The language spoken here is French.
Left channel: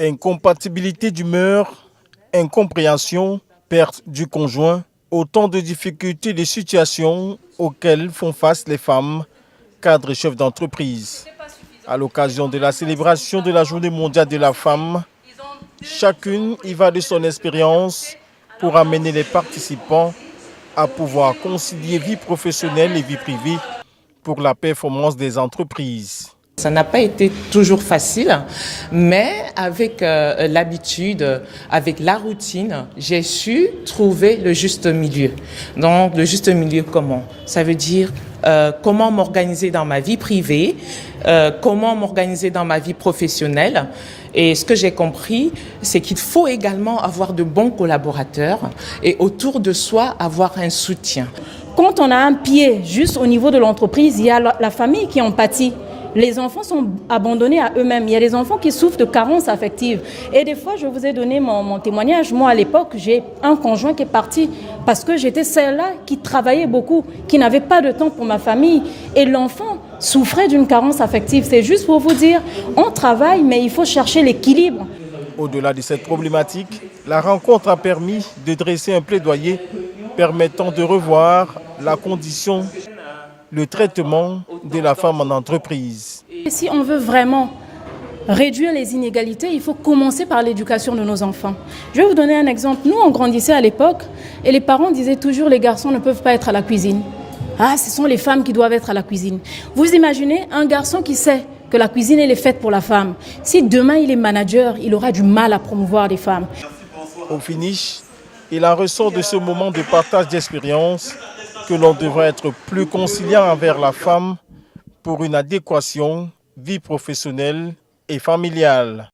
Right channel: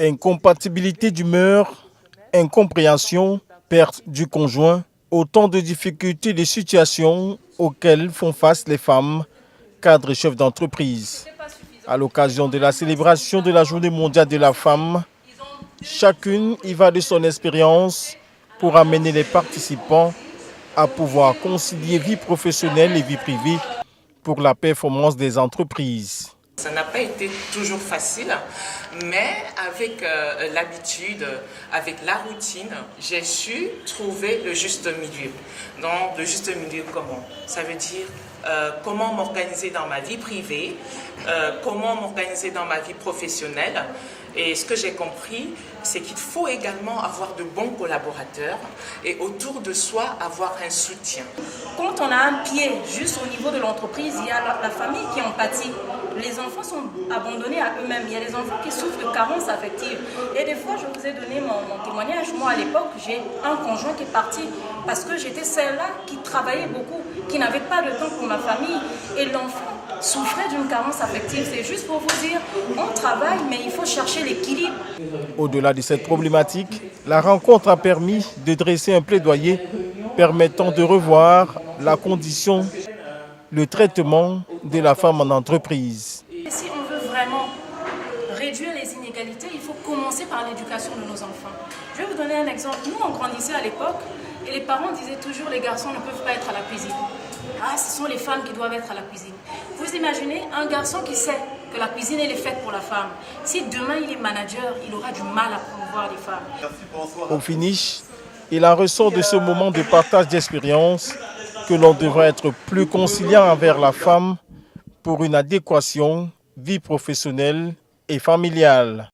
Incompatibilité d'humeur, incompréhension, perte du conjoint, autant de difficultés et de situations auxquelles font face les femmes, cadres et chefs d'entreprise. À l'occasion de la célébration de la Journée mondiale de la femme, chacune y va de son expérience pour amener les participants à pouvoir concilier vie professionnelle et vie privée pour la performance des entreprises. Ça n'a pas été toujours facile, mais avec l'habitude, avec la routine, j'ai su trouver le juste milieu. Donc, le juste milieu comment? Ça veut dire comment m'organiser dans ma vie privée, comment m'organiser dans ma vie professionnelle. Et ce que j'ai compris, c'est qu'il faut également avoir de bons collaborateurs et autour de soi avoir un soutien. Quand on a un pied juste au niveau de l'entreprise, il y a la famille qui en pâtit. Les enfants sont abandonnés à eux-mêmes. Il y a des enfants qui souffrent de carences affectives. Et des fois, je vous ai donné mon témoignage. Moi, à l'époque, j'ai un conjoint qui est parti parce que j'étais celle-là qui travaillait beaucoup, qui n'avait pas de temps pour ma famille. Et l'enfant souffrait d'une carence affective. C'est juste pour vous dire, on travaille, mais il faut chercher l'équilibre. Au-delà de cette problématique, la rencontre a permis de dresser un plaidoyer permettant de revoir la condition, le traitement de la femme en entreprise. Et si on veut vraiment réduire les inégalités, il faut commencer par l'éducation de nos enfants. Je vais vous donner un exemple. Nous, on grandissait à l'époque et les parents disaient toujours les garçons ne peuvent pas être à la cuisine. Ah, ce sont les femmes qui doivent être à la cuisine. Vous imaginez un garçon qui sait que la cuisine elle est faite pour la femme. Si demain il est manager, il aura du mal à promouvoir les femmes. Au finish, il en ressort de ce moment de partage d'expérience que l'on devrait être plus conciliant envers la femme pour une adéquation vie professionnelle et familiale.